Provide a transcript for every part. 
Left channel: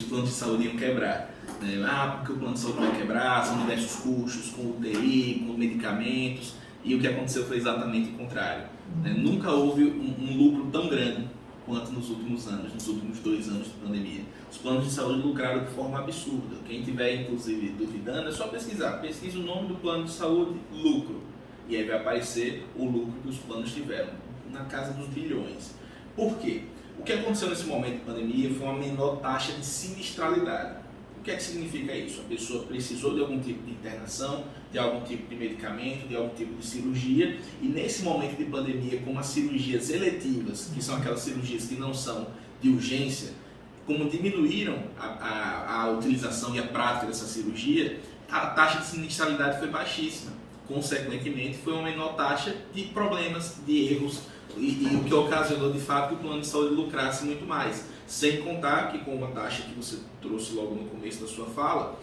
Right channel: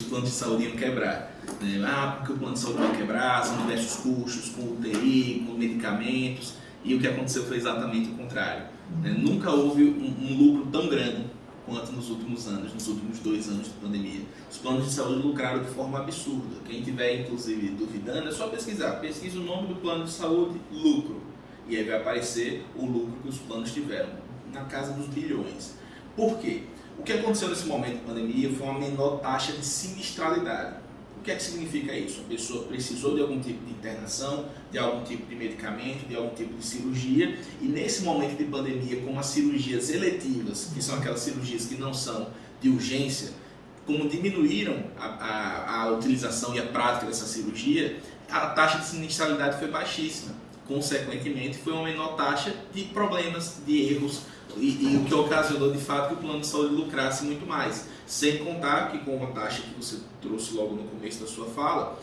Os planos de saúde iam quebrar, né? Porque o plano de saúde vai quebrar, são diversos custos com UTI, com medicamentos, e o que aconteceu foi exatamente o contrário, né? Nunca houve um lucro tão grande quanto nos últimos anos, nos últimos 2 anos de pandemia. Os planos de saúde lucraram de forma absurda. Quem tiver, inclusive, duvidando, é só pesquisar. Pesquisa o nome do plano de saúde, lucro, e aí vai aparecer o lucro que os planos tiveram, na casa dos bilhões. Por quê? O que aconteceu nesse momento de pandemia foi uma menor taxa de sinistralidade. O que é que significa isso? A pessoa precisou de algum tipo de internação, de algum tipo de medicamento, de algum tipo de cirurgia, e nesse momento de pandemia, como as cirurgias eletivas, que são aquelas cirurgias que não são de urgência, como diminuíram a utilização e a prática dessa cirurgia, a taxa de sinistralidade foi baixíssima. Consequentemente, foi uma menor taxa de problemas, de erros, e o que ocasionou de fato que o plano de saúde lucrasse muito mais. Sem contar que, com uma taxa que você trouxe logo no começo da sua fala,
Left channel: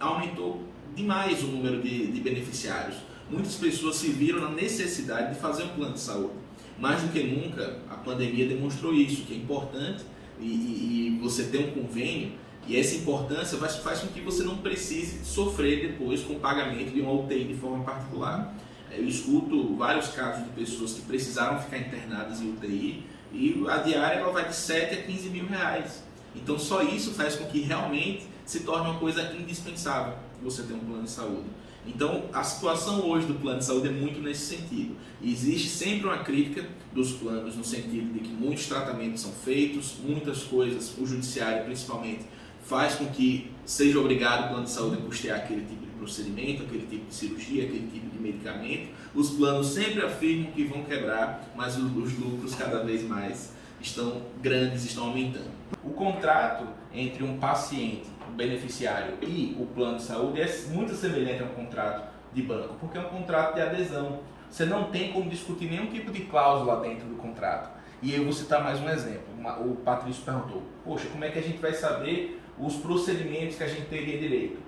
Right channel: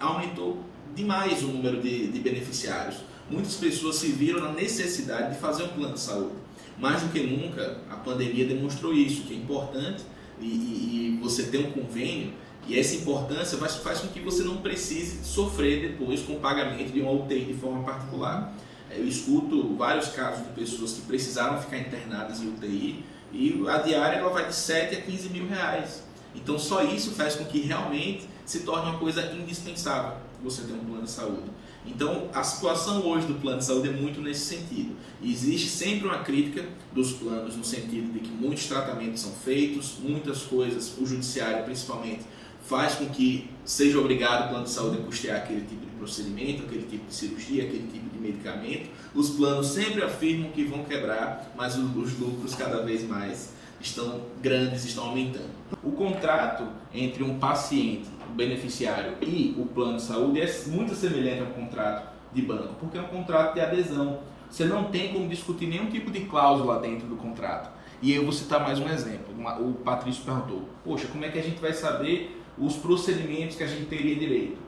aumentou demais o número de beneficiários. Muitas pessoas se viram na necessidade de fazer um plano de saúde. Mais do que nunca, a pandemia demonstrou isso, que é importante e você ter um convênio, e essa importância faz com que você não precise sofrer depois com o pagamento de uma UTI de forma particular. Eu escuto vários casos de pessoas que precisaram ficar internadas em UTI e a diária ela vai de 7 a 15 mil reais. Então só isso faz com que realmente se torne uma coisa indispensável você ter um plano de saúde. Então a situação hoje do plano de saúde é muito nesse sentido. E existe sempre uma crítica dos planos no sentido de que muitos tratamentos são feitos, muitas coisas, o judiciário principalmente, faz com que seja obrigado o plano de saúde a custear aquele tipo de procedimento, aquele tipo de cirurgia, aquele tipo de medicamento. Os planos sempre afirmam que vão quebrar, mas os lucros cada vez mais estão grandes, estão aumentando. O contrato entre um paciente, um beneficiário e o plano de saúde é muito semelhante a um contrato de banco, porque é um contrato de adesão. Você não tem como discutir nenhum tipo de cláusula dentro do contrato. E eu vou citar mais um exemplo. O Patrício perguntou, poxa, como é que a gente vai saber os procedimentos que a gente teria direito?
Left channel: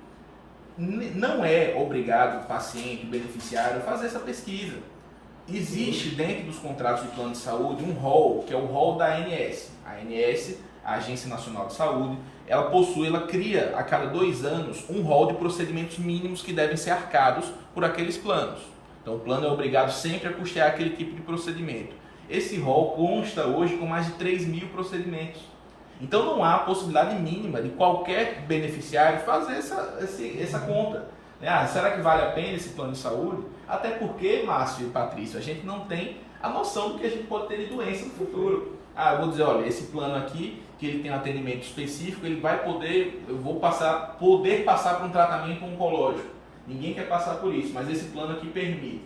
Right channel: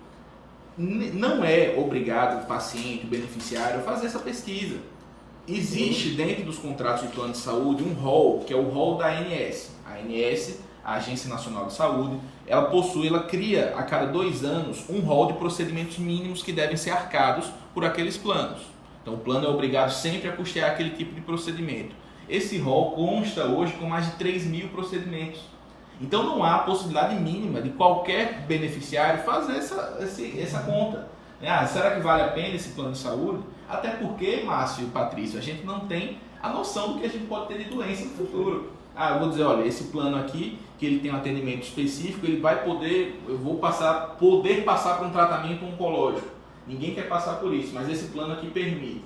Não é obrigado o paciente, o beneficiário, a fazer essa pesquisa. Existe dentro dos contratos de plano de saúde um rol, que é o rol da ANS. A ANS, a Agência Nacional de Saúde, ela cria a cada 2 anos um rol de procedimentos mínimos que devem ser arcados por aqueles planos. Então o plano é obrigado sempre a custear aquele tipo de procedimento. Esse rol consta hoje com mais de 3 mil procedimentos. Então não há possibilidade mínima de qualquer beneficiário fazer essa conta. Será que vale a pena esse plano de saúde? Até porque, Márcio e Patrício, a gente não tem a noção do que a gente pode ter de doença no futuro. Eu vou dizer, olha, esse plano aqui, que ele tem um atendimento específico, eu vou poder passar por um tratamento oncológico. Ninguém quer passar por isso, mas esse plano aqui permite.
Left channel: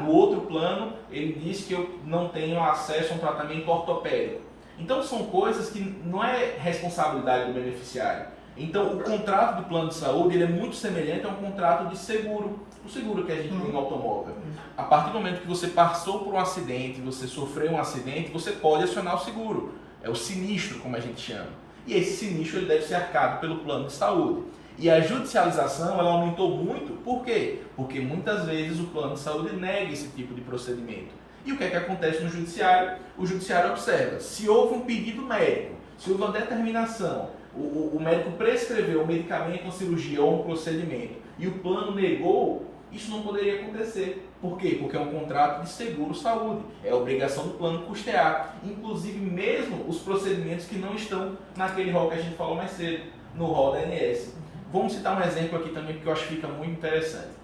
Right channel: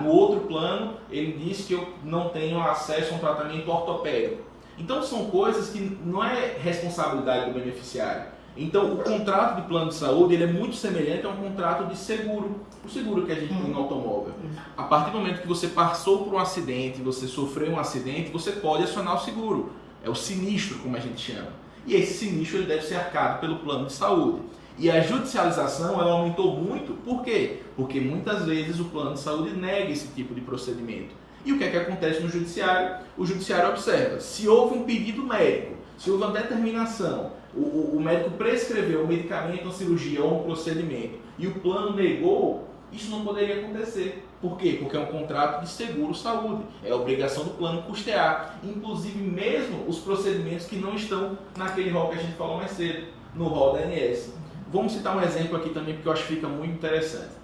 No outro plano, ele diz que eu não tenho acesso a um tratamento ortopédico. Então são coisas que não é responsabilidade do beneficiário. Então o contrato de plano de saúde ele é muito semelhante a um contrato de seguro. O seguro que a gente tem no automóvel. A partir do momento que você passou por um acidente, você sofreu um acidente, você pode acionar o seguro. É o sinistro, como a gente chama. E esse sinistro ele deve ser arcado pelo plano de saúde. E a judicialização ela aumentou muito. Por quê? Porque muitas vezes o plano de saúde nega esse tipo de procedimento. E o que é que acontece no judiciário? O judiciário observa, se houve um pedido médico, se houve uma determinação, o médico prescreveu um medicamento, uma cirurgia ou um procedimento e o plano negou, isso não poderia acontecer. Por quê? Porque é um contrato de seguro-saúde, é a obrigação do plano custear, inclusive mesmo os procedimentos que não estão naquele rol que a gente falou mais cedo, no rol da ANS. Vamos citar um exemplo aqui também, porque eu acho que fica muito interessante.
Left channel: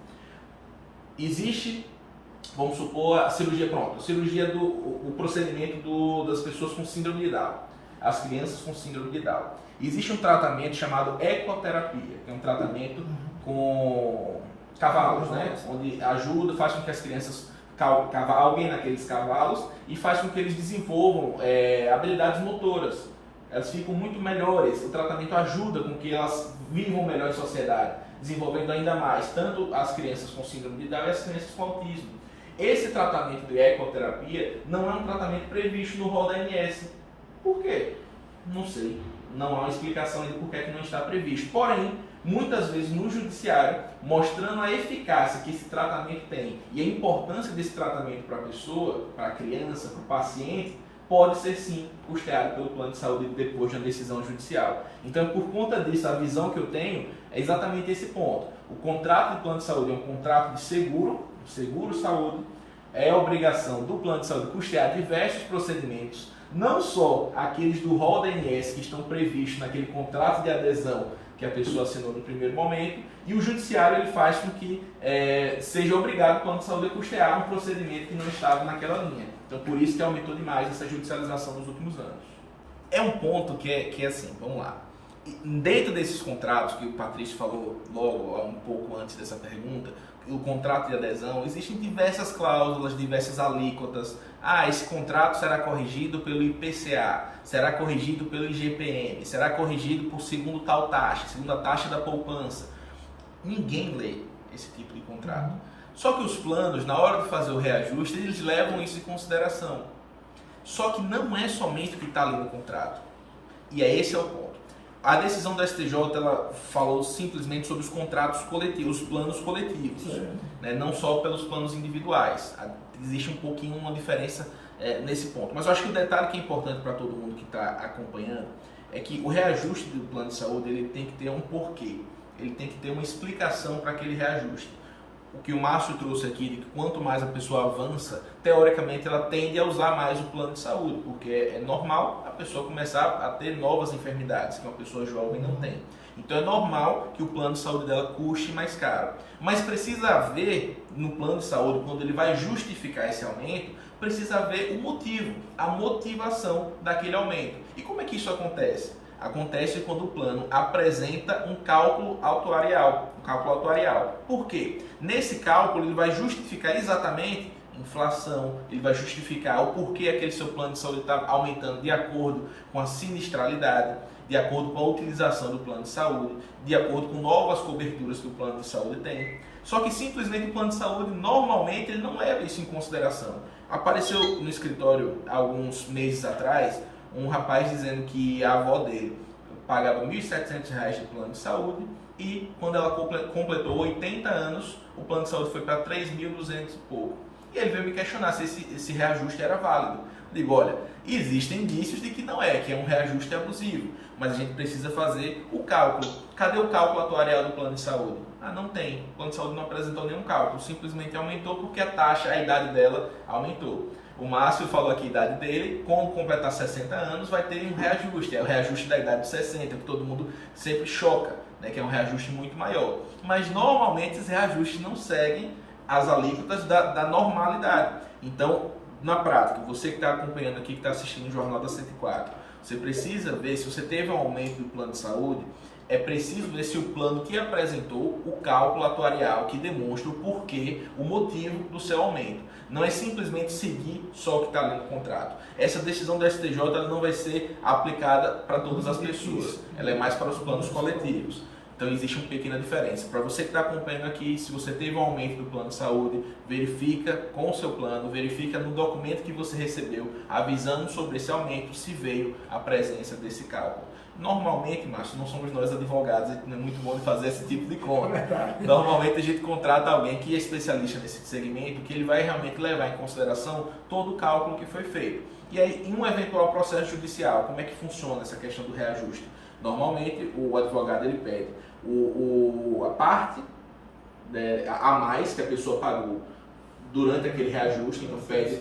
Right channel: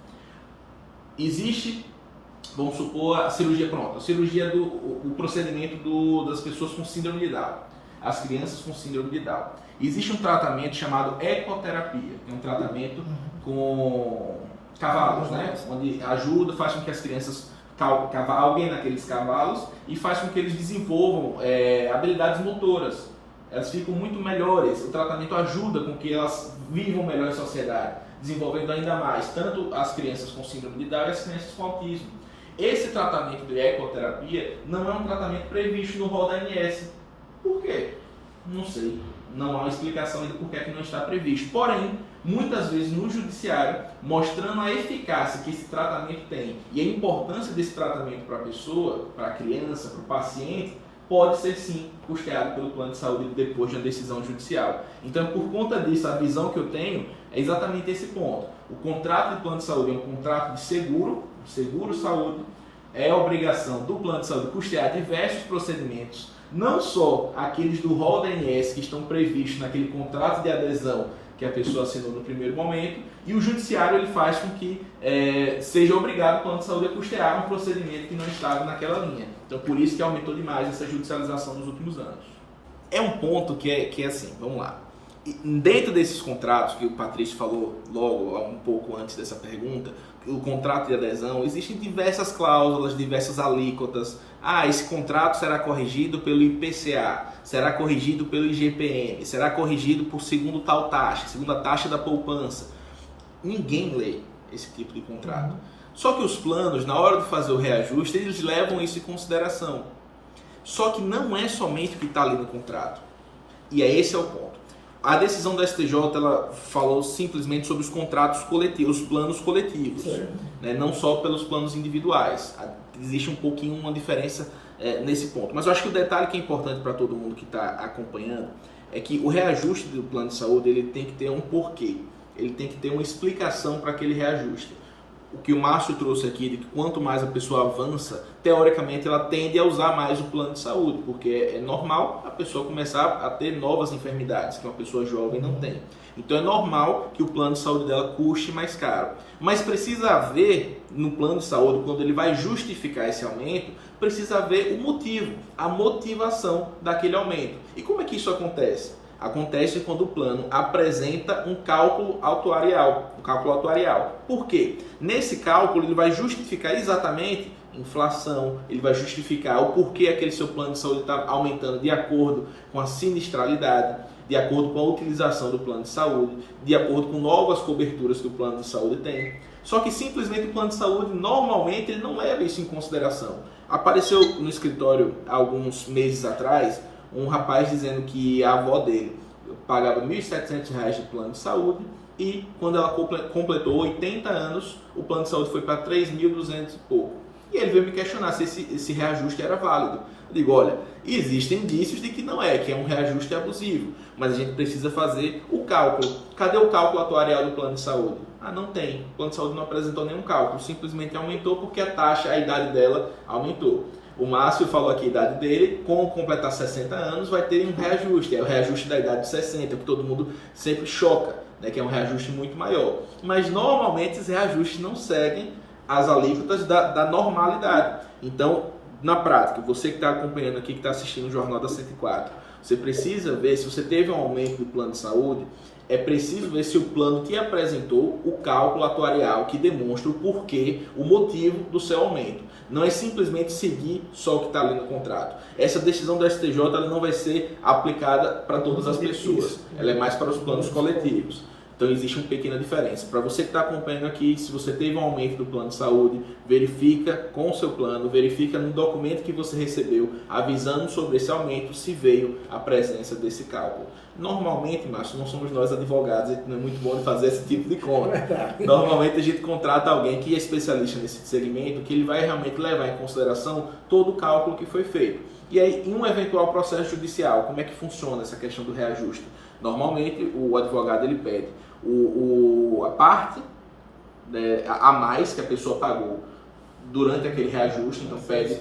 Existe... Vamos supor a cirurgia o procedimento das pessoas com síndrome de Down, as crianças com síndrome de Down. Existe um tratamento chamado ecoterapia, que é um tratamento com cavalos, né? Onde faz com que as crianças cavalguem naqueles cavalos e faz com que eles desenvolvam habilidades motoras. Elas ficam muito melhores, o tratamento ajuda com que elas vivam melhor em sociedade, desenvolvendo ainda mais, tanto as crianças com síndrome de Down e as crianças com autismo. Esse tratamento de ecoterapia não é um tratamento previsto no rol da ANS. Por quê? Não sei. Não há uma explicação ainda por que não está previsto. Porém, muitas vezes no judiciário, mostrando a eficácia que esse tratamento tem e a importância desse tratamento para a pessoa, para a criança, para o paciente, pode ser sim custeado pelo plano de saúde depois de uma decisão judicial. Então, por conta disso, a visão que eu tenho é exatamente esse ponto. O contrato de plano de saúde é um contrato de seguro-saúde, é obrigação do plano de saúde custear diversos procedimentos, não só aqueles do rol da ANS que estão previstos naquele contrato de adesão que a pessoa assinou no primeiro momento, e o judiciário ele faz com que seja obrigado o plano de saúde a custear um procedimento que não estava naquela linha. Então, por isso que aumentou demais essa judicialização nos últimos anos. É um ponto que é assim, vamos lá. Dentro desses contratos, que o Patrício falou logo, um pouco antes dessa pergunta, o contrato de adesão, existem diversas cláusulas, diversas alíquotas. Esse contrato será corrigido pelo IPCA, será corrigido pelo IGPM, será corrigido por segundo tal taxa, segunda taxa da poupança. Ninguém lê esse tipo de contrato. Só que os planos, na hora de fazer o reajuste, eles levam isso em consideração. Só que não é somente o que está ali no contrato. E esse é o ponto. A decisão da STJ ela falou simplesmente sobre os contratos coletivos, os planos coletivos, né? Não só pelos planos individuais. Existe um pouquinho uma diferença nesse ponto. Mas eu acho que o detalhe que é importante para todo mundo que está acompanhando é que o reajuste do plano de saúde ele tem que ter um porquê, ele tem que ter uma explicação para aquele reajuste. O que o Márcio trouxe aqui, de que quanto mais a pessoa avança, teoricamente ela tende a usar mais o plano de saúde, porque é normal a pessoa começar a ter novas enfermidades que uma pessoa jovem não tem. Então é normal que o plano de saúde dela custe mais caro. Mas precisa haver no plano de saúde, quando ele vai justificar esse aumento, precisa haver o motivo, a motivação daquele aumento. E como é que isso acontece? Acontece quando o plano apresenta um cálculo atuarial. Por quê? Nesse cálculo ele vai justificar exatamente inflação, ele vai justificar o porquê aquele seu plano de saúde está aumentando de acordo com a sinistralidade, de acordo com a utilização do plano de saúde, de acordo com novas coberturas que o plano de saúde tem. Só que simplesmente o plano de saúde, normalmente, ele não leva isso em consideração. Apareceu no escritório, alguns meses atrás, um rapaz dizendo que a avó dele pagava R$ 1.700 de plano de saúde e quando ela completou 80 anos, o plano de saúde foi para 3.200 e pouco. E ele veio me questionar se esse reajuste era válido. Eu digo, olha, existem indícios de que não é, que é um reajuste abusivo, mas a gente precisa fazer o cálculo. Cadê o cálculo atuarial do plano de saúde? Não tem. O plano de saúde não apresentou nenhum cálculo, simplesmente aumentou porque a idade dela aumentou. O Márcio falou aqui a idade dele, com completar 60 anos vai ter um reajuste, é o reajuste da idade de 60, que todo mundo sempre choca, né, que é um reajuste muito maior. Mas normalmente esses reajustes não seguem as alíquotas da normalidade. Então, na prática, você que está acompanhando aqui, que está assistindo o Jornal da 104, você precisa ver se você teve um aumento do plano de saúde, é preciso ver se o plano te apresentou o cálculo atuarial que demonstra o porquê, o motivo do seu aumento. Não é simplesmente seguir só o que está ali no contrato. Essa decisão do STJ ela não vai ser aplicada para todas as pessoas. Ela é mais para os planos coletivos. Então existe uma pequena diferença. Para você que está acompanhando aqui, se você teve um aumento do plano de saúde, verifica com o seu plano, verifica no documento que você recebeu, avisando sobre esse aumento, se veio a presença desse cálculo. Normalmente, Márcio, não somos nós advogados, não é muito bom de fazer esse tipo de conta. Normalmente a gente contrata alguém que é especialista nesse segmento, que ele vai realmente levar em consideração todo o cálculo que foi feito. E aí, em um eventual processo judicial, como é que funciona essa questão do reajuste? Normalmente, o advogado ele pede a parte a mais que a pessoa pagou durante aquele reajuste, então pede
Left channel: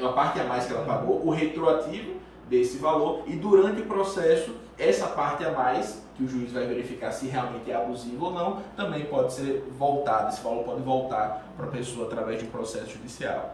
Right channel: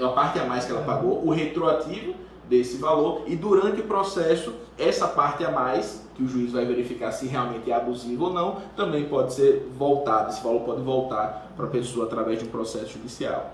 a parte a mais que ela pagou, o retroativo desse valor, e durante o processo, essa parte a mais, que o juiz vai verificar se realmente é abusivo ou não, também pode ser voltado, esse valor pode voltar para a pessoa através de um processo judicial.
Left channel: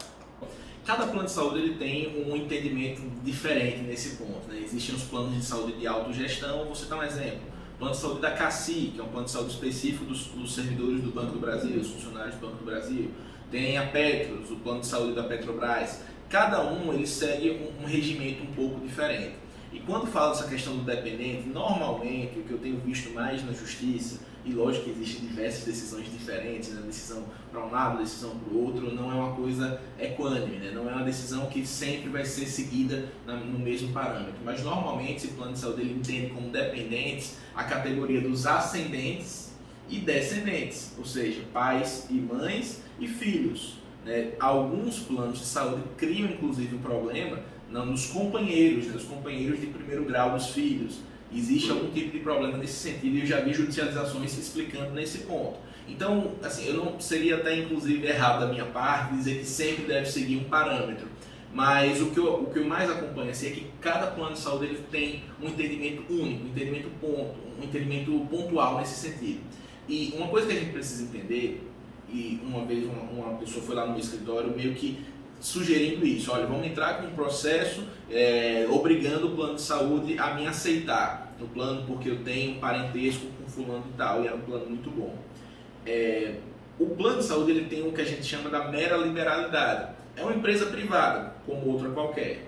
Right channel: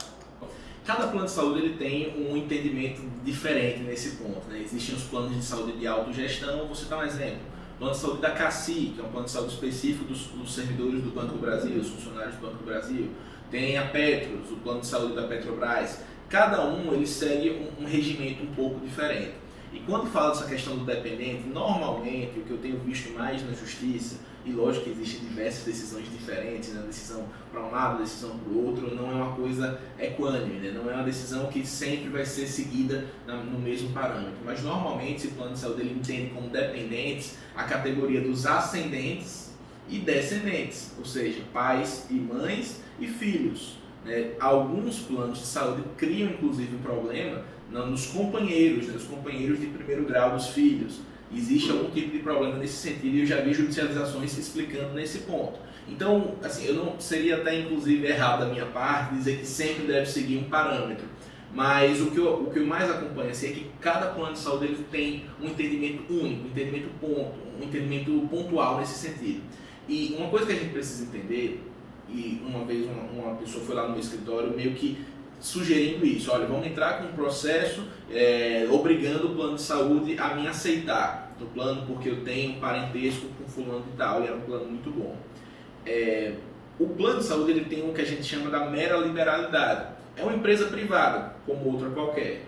Cada plano de saúde ele tem um entendimento diferente nesse ponto, né? Existem os planos de saúde de autogestão, vou citar um exemplo. O plano de saúde da CACI, que é um plano de saúde específico dos servidores do Banco do Brasil, dos funcionários do Banco do Brasil. Tem a Petros, o plano de saúde da Petrobras. Cada um ele segue um regimento um pouco diferente. E quando fala dessa questão do dependente, normalmente o que eu tenho visto mais na justiça, e lógico que existem diversas decisões diferentes, né? Decisão para um lado, decisão para o outro, não é uma coisa equânime, né? Não é uma decisão que sempre vai ser seguida no mesmo parâmetro. Mas normalmente esse plano de saúde ele entende como dependentes a categoria dos ascendentes e descendentes, ou seja, pais e mães e filhos. Alguns planos de saúde criam inclusive um problema nos companheiros, né, os companheiros de primeiro grau dos filhos. Existe algum tipo de problema nesse sentido e eu já vi judicializações se explicando nesse ponto. Então, assim, eu não seria até inclusive errado da minha parte dizer que sempre deve seguir um parâmetro, mas o que eu mais acompanho assim, é que cada plano de saúde ele tem um entendimento único, um entendimento pontual nesse sentido. E uma coisa que a gente precisa entender, e uma vez uma pessoa foi lá no meu escritório meio que sugerindo isso, olha, vamos entrar com um processo obrigando o plano de saúde a me aceitar no plano porque eu tenho um parentesco com fulano e tal, e era um plano muito bom. O plano de saúde ele tem o que a gente chama da mera liberalidade. É uma empresa privada, como outra qualquer.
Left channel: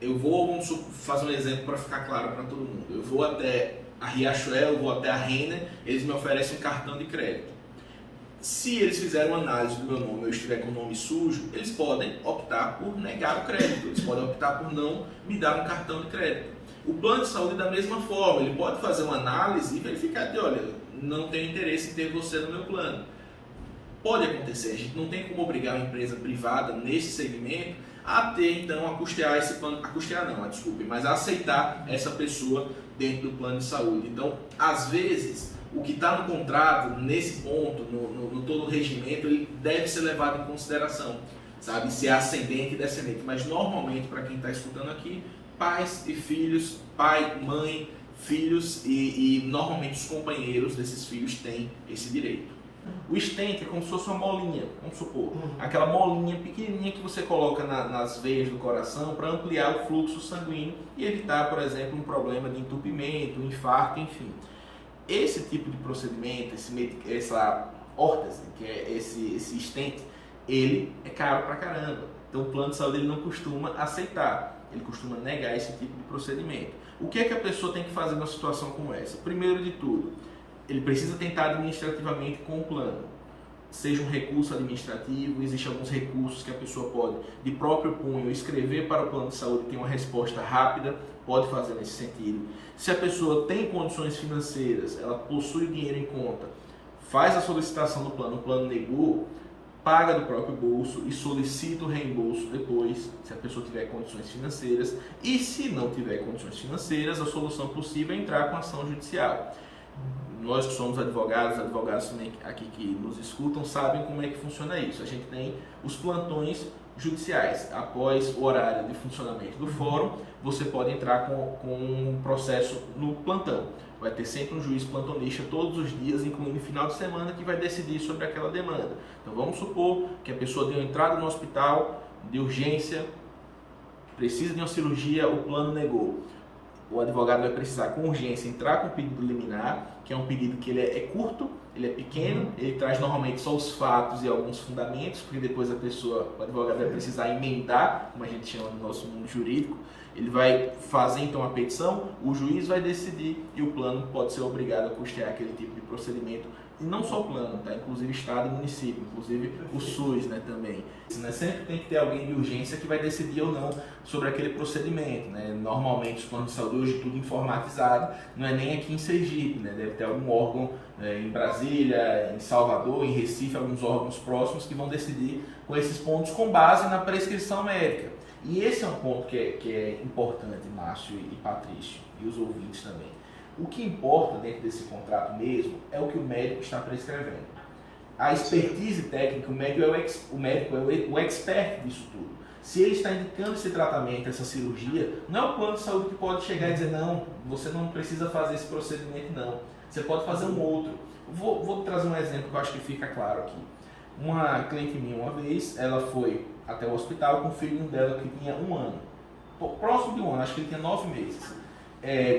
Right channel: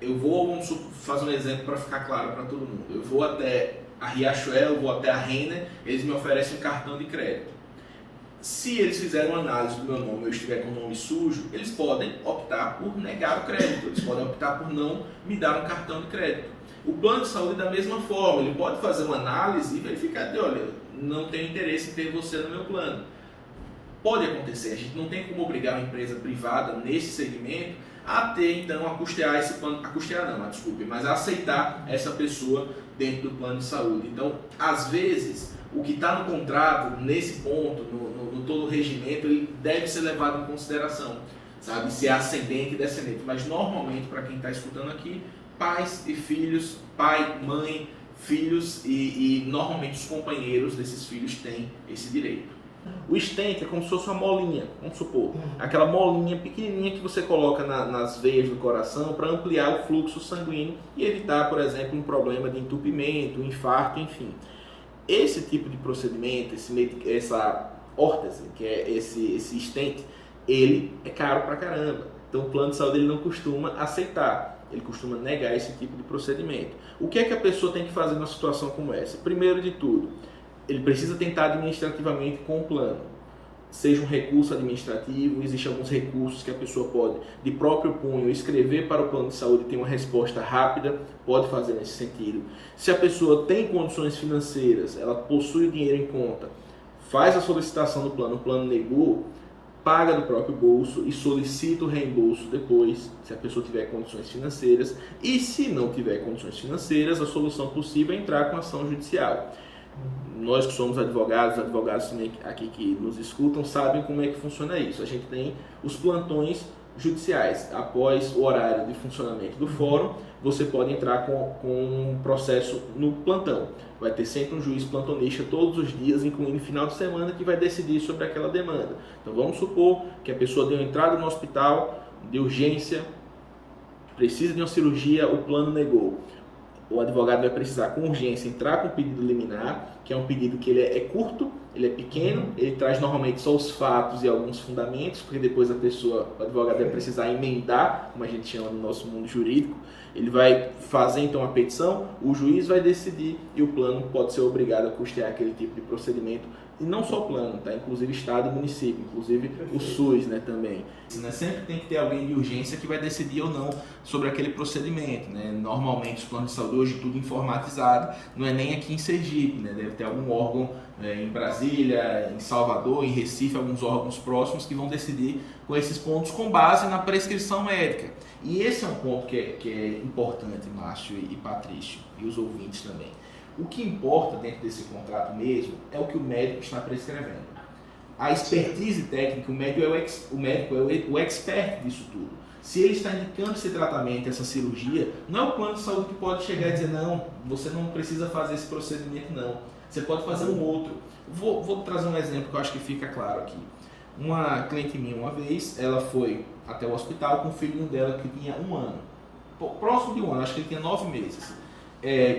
Vamos fazer um exemplo para ficar claro para todo mundo. Eu vou até a Riachuelo, vou até a Renner, eles me oferecem um cartão de crédito. Se eles fizerem uma análise do meu nome, eu estiver com o nome sujo, eles podem optar por negar o crédito, eles podem optar por não me dar um cartão de crédito. O plano de saúde da mesma forma, ele pode fazer uma análise e verificar que, olha, não tenho interesse em ter você no meu plano. Pode acontecer, a gente não tem como obrigar uma empresa privada nesse segmento a ter, então, a custear esse plano, mas a aceitar essa pessoa dentro do plano de saúde. Então, às vezes, o que está no contrato, nesse ponto, no todo o regimento, ele deve ser levado em consideração, sabe? Se é ascendente e descendente. Mas, normalmente, para quem está escutando aqui, pais e filhos, pai, mãe, filhos e normalmente os companheiros desses filhos têm esse direito. O stent é como se fosse uma molinha, vamos supor, aquela molinha pequenininha que você coloca nas veias do coração para ampliar o fluxo sanguíneo e evitar, por exemplo, um problema de entupimento, um infarto, enfim. Esse tipo de procedimento, essa órtese, que é esse stent, ele é caro pra caramba. Então o plano de saúde ele não costuma aceitar, ele costuma negar esse tipo de procedimento. O que é que a pessoa tem que fazer numa situação como essa? Primeiro de tudo, ele precisa tentar administrativamente com o plano. Seja um recurso administrativo, existem alguns recursos que a pessoa pode, de próprio punho, escrever para o plano de saúde e ter uma resposta rápida, pode fazer nesse sentido. Se a pessoa tem condições financeiras, ela possui o dinheiro em conta, faz a solicitação do plano, o plano negou, paga do próprio bolso e solicita o reembolso depois, se a pessoa tiver condições financeiras. E se não tiver condições financeiras, a solução possível é entrar com ação judicial. Nós que somos advogados também aqui que nos escutam, sabem como é que funciona isso. A gente tem os plantões judiciais. Após o horário de funcionamento do fórum, você pode entrar com um processo no plantão. Vai ter sempre um juiz plantonista todos os dias, incluindo final de semana, que vai decidir sobre aquela demanda. Então vamos supor que a pessoa deu entrada no hospital de urgência, precisa de uma cirurgia, o plano negou. O advogado vai precisar com urgência entrar com o pedido liminar, que é um pedido que ele é curto, ele é pequeno, ele traz normalmente só os fatos e alguns fundamentos, porque depois o advogado vai precisar emendar, como a gente chama no nosso mundo jurídico. Ele vai fazer então a petição, o juiz vai decidir e o plano pode ser obrigado a custear aquele tipo de procedimento. E não só o plano, tá? Inclusive Estado e município, inclusive o SUS, né, também. Sempre tem que ter alguém de urgência que vai decidir ou não sobre aquele procedimento, né? Normalmente os planos de saúde hoje tudo informatizado, não é nem aqui em Sergipe, né? Deve ter algum órgão em Brasília, em Salvador, em Recife, alguns órgãos próximos que vão decidir com esses pontos com base na prescrição médica. E esse é um ponto que é importante, Márcio e Patrício, e os ouvintes também. O que importa dentro desse contrato mesmo é o que o médico está prescrevendo. A expertise técnica, o médico é o expert disso tudo. Se ele está indicando esse tratamento, essa cirurgia, não é o plano de saúde que pode chegar e dizer não, você não precisa fazer esse procedimento não. Você pode fazer um outro. Vou trazer um exemplo que eu acho que fica claro aqui. Uma cliente minha uma vez, ela foi até o hospital com o filhinho dela que tinha 1 ano. Próximo de 1 ano, acho que ele tinha 9 meses.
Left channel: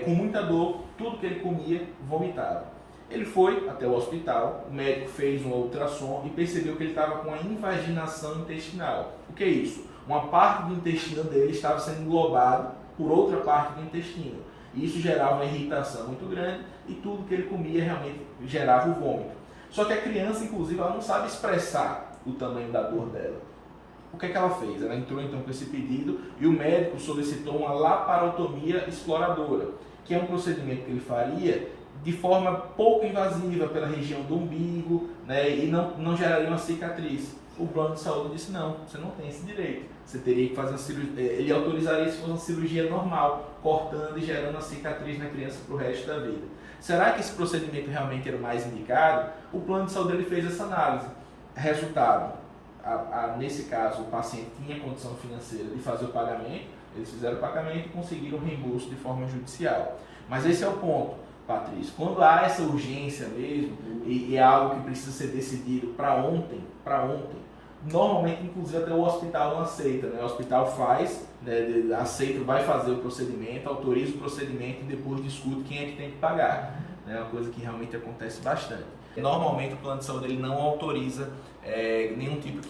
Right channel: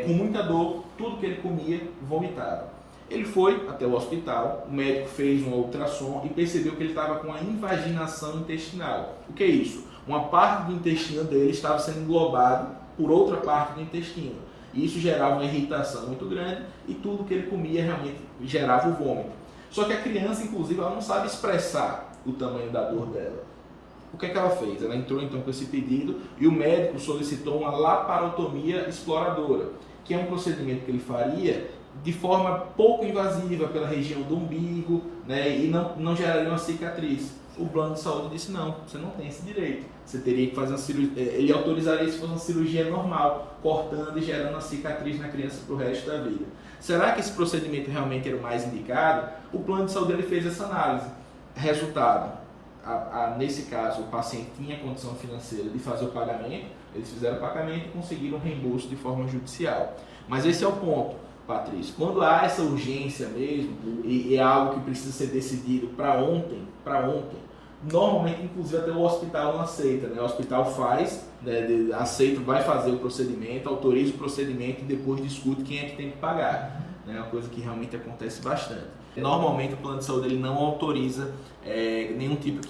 Com muita dor, tudo que ele comia, vomitava. Ele foi até o hospital, o médico fez um ultrassom e percebeu que ele estava com uma invaginação intestinal. O que é isso? Uma parte do intestino dele estava sendo englobado por outra parte do intestino. E isso gerava uma irritação muito grande e tudo que ele comia realmente gerava o vômito. Só que a criança, inclusive, ela não sabe expressar o tamanho da dor dela. O que é que ela fez? Ela entrou então com esse pedido e o médico solicitou uma laparotomia exploradora, que é um procedimento que ele faria de forma pouco invasiva pela região do umbigo, né, e não geraria uma cicatriz. O plano de saúde disse, não, você não tem esse direito. Você teria que fazer uma cirurgia, ele autorizaria se fosse uma cirurgia normal, cortando e gerando a cicatriz na criança para o resto da vida. Será que esse procedimento realmente era o mais indicado? O plano de saúde ele fez essa análise. Resultado, nesse caso, o paciente tinha condição financeira de fazer o pagamento, eles fizeram o pagamento e conseguiram o reembolso de forma judicial. Mas esse é o ponto, Patrícia. Quando há essa urgência mesmo, e é algo que precisa ser decidido para ontem, normalmente, inclusive, até o hospital não aceita, né? O hospital faz, né, aceita, vai fazer o procedimento, autoriza o procedimento e depois discute quem é que tem que pagar. É uma coisa que realmente acontece bastante. Normalmente o plano de saúde ele não autoriza nenhum tipo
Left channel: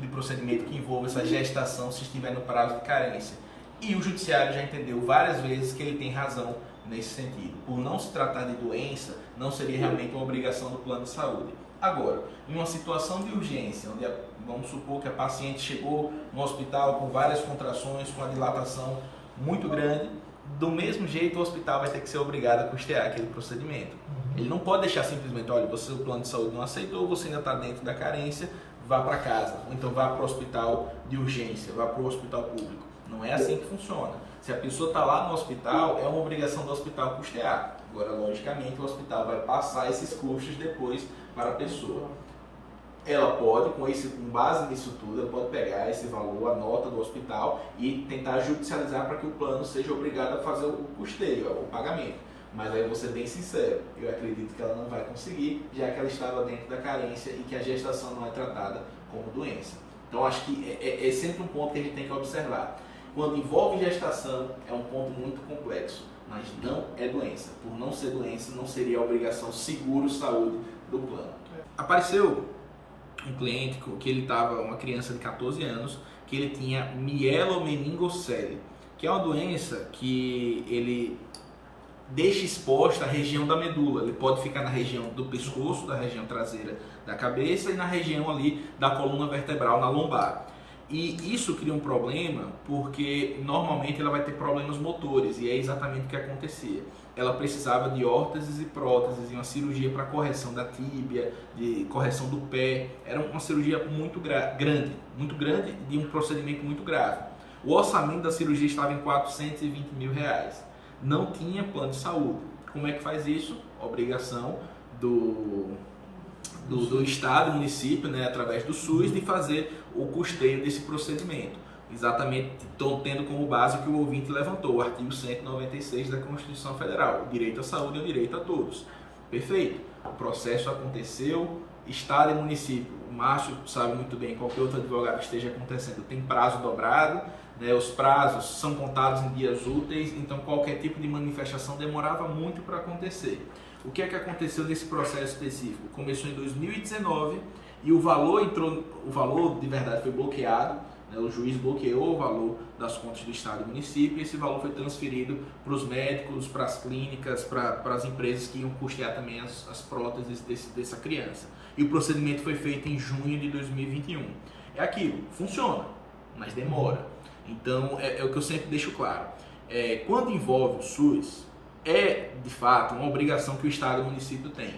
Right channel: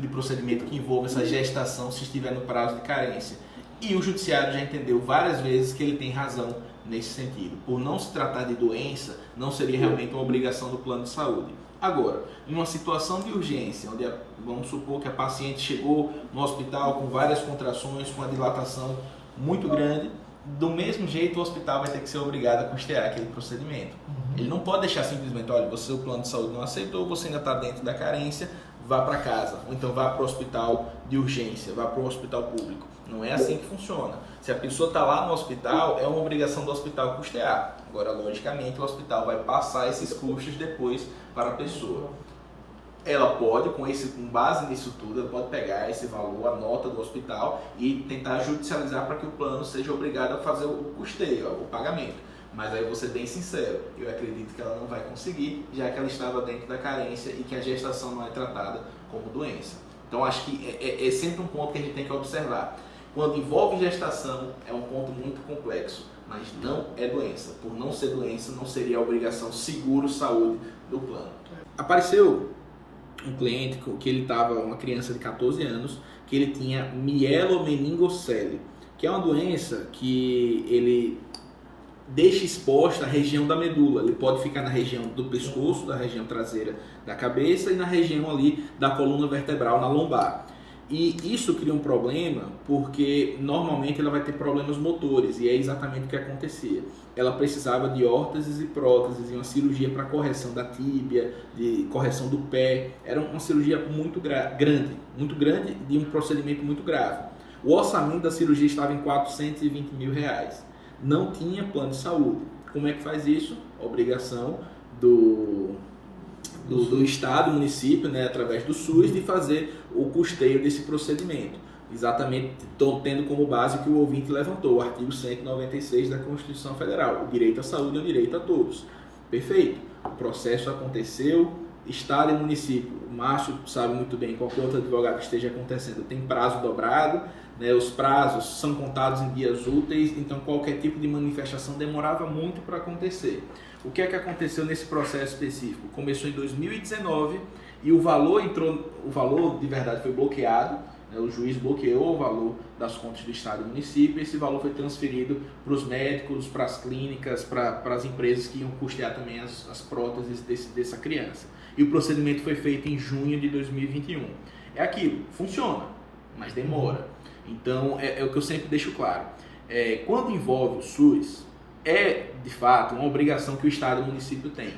de procedimento que envolva essa gestação se estiver no prazo de carência. E o judiciário já entendeu várias vezes que ele tem razão nesse sentido. Por não se tratar de doença, não seria realmente uma obrigação do plano de saúde. Agora, em uma situação de urgência, onde vamos supor que a paciente chegou no hospital com várias contrações, com a dilatação muito grande, do mesmo jeito o hospital vai ter que ser obrigado a custear aquele procedimento. Ele não pode deixar simplesmente, olha, você o plano de saúde não aceitou, você ainda está dentro da carência, vá para casa, ou então vá para o hospital de urgência, vá para o hospital público. Não é assim que funciona. Se a pessoa está lá no hospital, é uma obrigação do hospital custear. Agora, logicamente, o hospital vai passar esses custos depois para a pessoa. Ela pode, com base nisso tudo, ela pode pegar esse valor, a nota do hospital e tentar judicializar para que o plano seja obrigado a fazer o custeio, o pagamento. Mas aí eu vou ser bem sincero, eu acredito que ela não vai conseguir, já que ela estava dentro da carência e que a gestação não é tratada como doença. Então acho que é sempre um ponto que a gente tem que observar. Quando envolve gestação, é um ponto muito complexo, mas não é doença. Por não ser doença, não seria a obrigação seguro-saúde do plano. Apareceu um cliente que ele estava, uma criança de 14 anos, que ele tinha mielomeningocele, que é uma doença que ele deixa exposta a região da medula. Ele pode ficar na região do pescoço, da região traseira da cabeça e na região ali da coluna vertebral, na lombar. E isso cria um problema porque normalmente ela vai ter problemas motores, e é exatamente o que acontecia. Ela precisava de órteses e próteses e uma cirurgia para correção da tíbia, de correção do pé. Era uma cirurgia muito grande de um procedimento muito grave. O orçamento da cirurgia estava em R$420 mil. Não tinha plano de saúde. Como é que faz isso? Obrigação do Estado, município, né, através do SUS, de fazer o custeio desse procedimento. Exatamente tendo como base o que o ouvinte levantou, o artigo 196 da Constituição Federal, o direito à saúde é o direito a todos. Perfeito. O processo aconteceu, Estado e município, o Márcio sabe muito bem, qualquer outro advogado que esteja acontecendo, tem prazo dobrado, né, os prazos são contados em dias úteis, então qualquer tipo de manifestação demorava muito para acontecer. O que é que aconteceu nesse processo específico? Começou em 2019 e o valor de verdade foi bloqueado, né? O juiz bloqueou o valor das contas do Estado e do município e esse valor foi transferido para os médicos, para as clínicas, para as empresas que iam custear também as próteses dessa criança. E o procedimento foi feito em junho de 2021. É aquilo, funciona, mas demora. Então, é o que eu sempre deixo claro. Quando envolve o SUS, é de fato uma obrigação que o Estado e o município têm.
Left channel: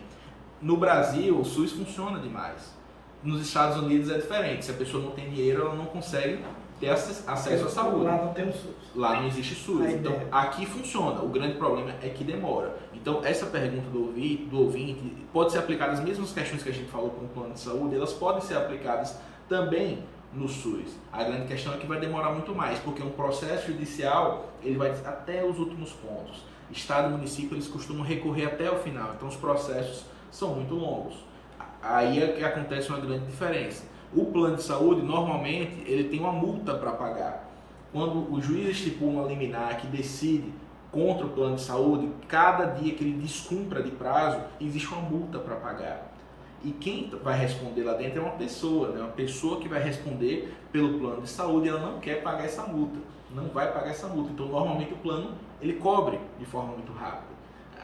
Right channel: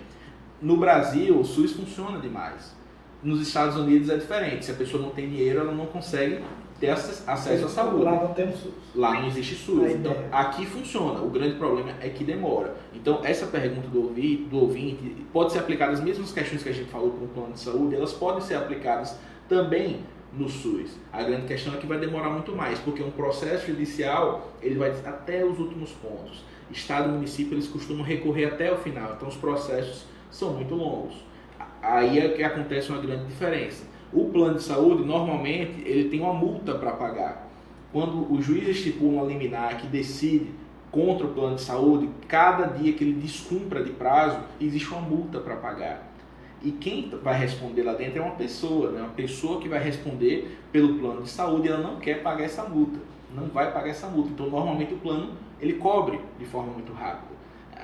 No Brasil, o SUS funciona demais. Nos Estados Unidos é diferente. Se a pessoa não tem dinheiro, ela não consegue ter acesso à saúde. Lá não tem o SUS. Lá não existe SUS. Então, aqui funciona. O grande problema é que demora. Então, essa pergunta do ouvinte pode ser aplicada, as mesmas questões que a gente falou para um plano de saúde, elas podem ser aplicadas também no SUS. A grande questão é que vai demorar muito mais, porque um processo judicial, ele vai até os últimos pontos. Estado e município, eles costumam recorrer até o final, então os processos são muito longos. Aí é que acontece uma grande diferença. O plano de saúde, normalmente, ele tem uma multa para pagar. Quando o juiz estipula uma liminar que decide contra o plano de saúde, cada dia que ele descumpra de prazo, existe uma multa para pagar. E quem vai responder lá dentro é uma pessoa, né? Uma pessoa que vai responder pelo plano de saúde, ela não quer pagar essa multa, não vai pagar essa multa. Então, normalmente, o plano ele cobre de forma muito rápida.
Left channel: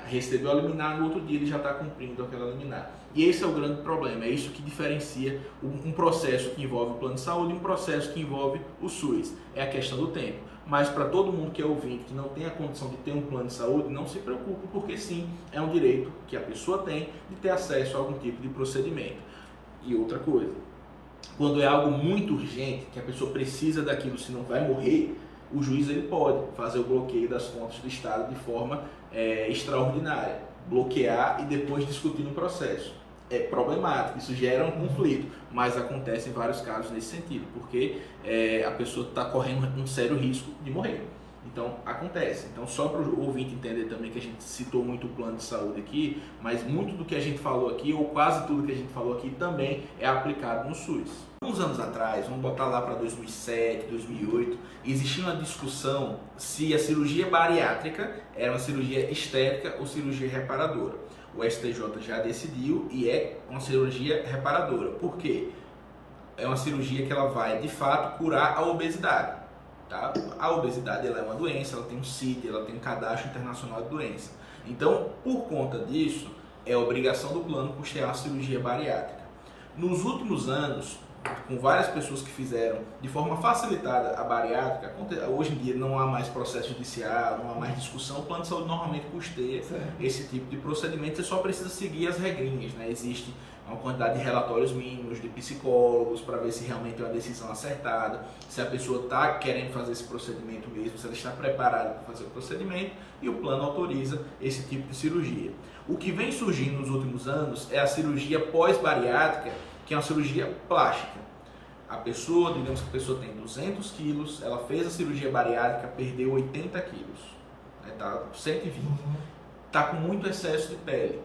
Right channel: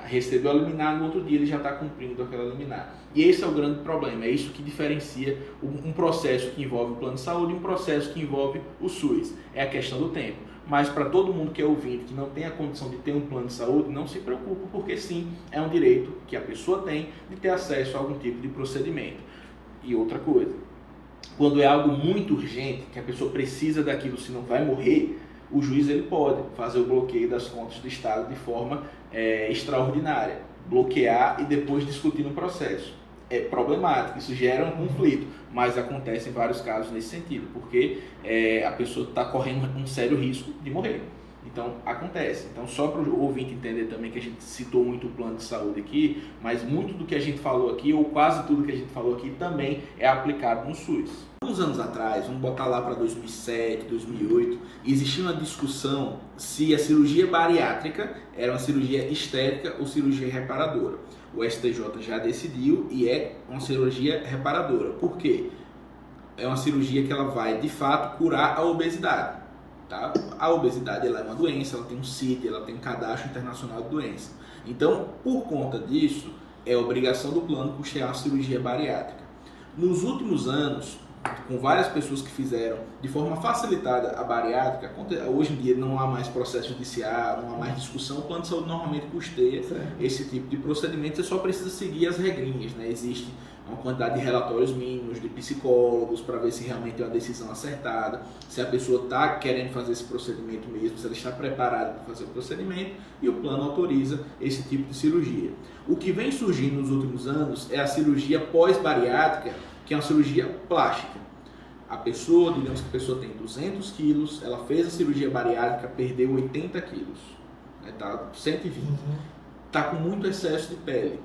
Recebeu a liminar, no outro dia ele já está cumprindo aquela liminar. E esse é o grande problema, é isso que diferencia um processo que envolve o plano de saúde e um processo que envolve o SUS. É a questão do tempo. Mas para todo mundo que é ouvinte, que não tem a condição de ter um plano de saúde, não se preocupe, porque sim, é um direito que a pessoa tem de ter acesso a algum tipo de procedimento. E outra coisa, Quando é algo muito urgente, que a pessoa precisa daquilo, senão vai morrer, o juiz ele pode fazer o bloqueio das contas do Estado de forma extraordinária, bloquear e depois discutir no processo. É problemático, isso gera um conflito, mas acontece em vários casos nesse sentido, porque a pessoa está correndo um sério risco de morrer. Então, acontece. Então, só para o ouvinte entender também que a gente citou muito o plano de saúde aqui, mas muito do que a gente falou aqui, ou quase tudo que a gente falou aqui, também é aplicado no SUS. Uns anos atrás, vamos botar lá para 2007, 2008, existia uma discussão se a cirurgia bariátrica era uma cirurgia estética ou cirurgia reparadora. O STJ já decidiu e é uma cirurgia reparadora. Por quê? É uma cirurgia que ela vai, de fato, curar a obesidade. Tá? A obesidade ela é uma doença, ela tem um CID, ela tem um cadastro internacional de doença. Então, por conta disso, é obrigação do plano custear a cirurgia bariátrica. Nos últimos anos, com várias pessoas que fizeram de forma facilitada a bariátrica, hoje em dia não há mais processo judicial, não há mais discussão, o plano de saúde normalmente custeia esse tipo de procedimento, você só precisa seguir as regrinhas, né? Existe uma quantidade de relatórios mínimos de psicólogos para ver se realmente é uma decisão acertada, se a pessoa está querendo fazer esse procedimento mesmo, se ela está preparada para fazer o procedimento, e o plano autoriza esse tipo de cirurgia. O que vem surgindo nos últimos anos é a cirurgia pós-bariátrica, que é uma cirurgia plástica. A pessoa, digamos que a pessoa tem 200 quilos, ela fez a cirurgia bariátrica, perdeu 80 quilos, está 120, está com muito excesso de pele.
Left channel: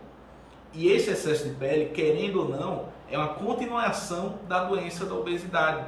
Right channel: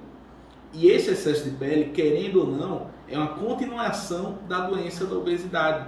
E esse excesso de pele, querendo ou não, é uma continuação da doença da obesidade.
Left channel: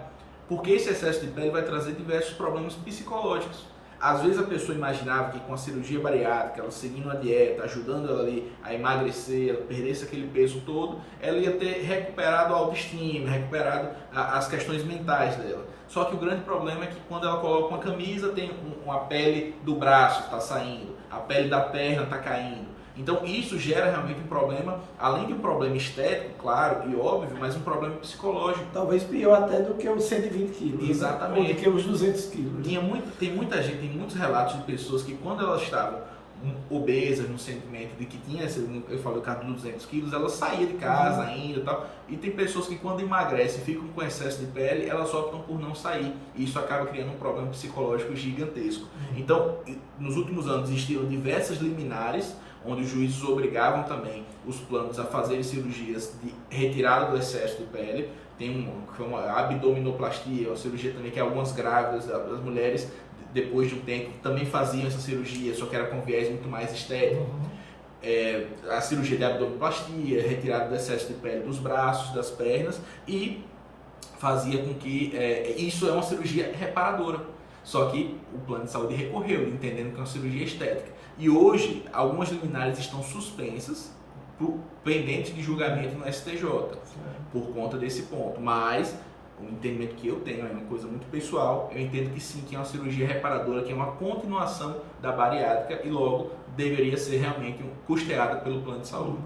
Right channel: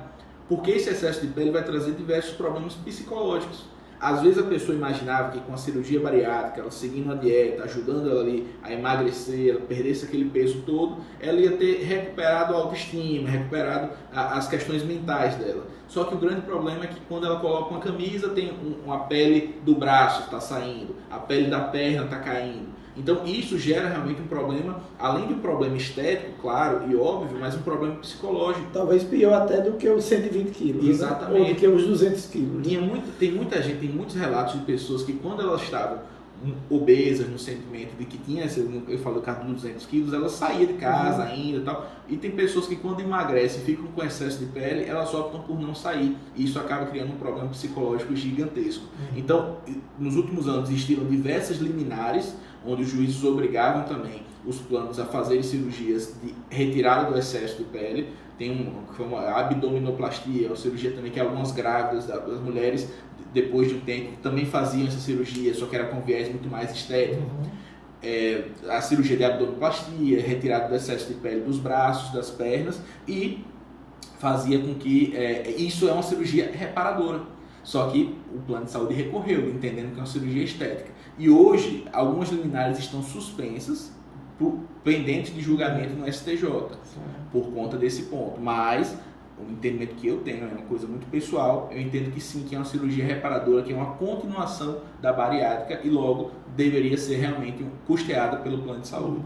Porque esse excesso de pele vai trazer diversos problemas psicológicos. Às vezes a pessoa imaginava que com a cirurgia bariátrica, ela seguindo uma dieta, ajudando ela ali a emagrecer, ela perdesse aquele peso todo, ela ia ter recuperado a autoestima, recuperado as questões mentais dela. Só que o grande problema é que quando ela coloca uma camisa, tem uma pele do braço está saindo, a pele da perna está caindo. Então isso gera realmente um problema, além de um problema estético, claro e óbvio, mas um problema psicológico. Talvez pior até do que os 120 quilos. Exatamente. Né? Ou do que os 200 quilos. Tem muita gente, tem muitos relatos de pessoas que quando elas estavam obesas no sentimento de que tinha, eu falei o caso dos 200 quilos, ela saía de casa ainda e tal. E tem pessoas que quando emagrecem e ficam com excesso de pele, elas optam por não sair. E isso acaba criando um problema psicológico gigantesco. Então, nos últimos anos existiram diversas liminares, onde os juízes obrigavam também os planos a fazerem cirurgias de retirada do excesso de pele. Tem uma abdominoplastia, uma cirurgia também que algumas grávidas, das mulheres, depois de um tempo, também faziam essa cirurgia, só que era com viés muito mais estético. A cirurgia de abdominoplastia, retirada do excesso de pele dos braços, das pernas, e fazia com que isso é uma cirurgia reparadora. Só que o plano de saúde recorreu, entendendo que é uma cirurgia estética. E hoje, algumas liminares estão suspensas, pendentes de julgamento no STJ, por conta desse ponto. Mas o entendimento que eu tenho é uma coisa muito pessoal, eu entendo que sim, que é uma cirurgia reparadora, que é uma continuação da bariátrica e logo deveria ser realmente custeada pelo plano de saúde.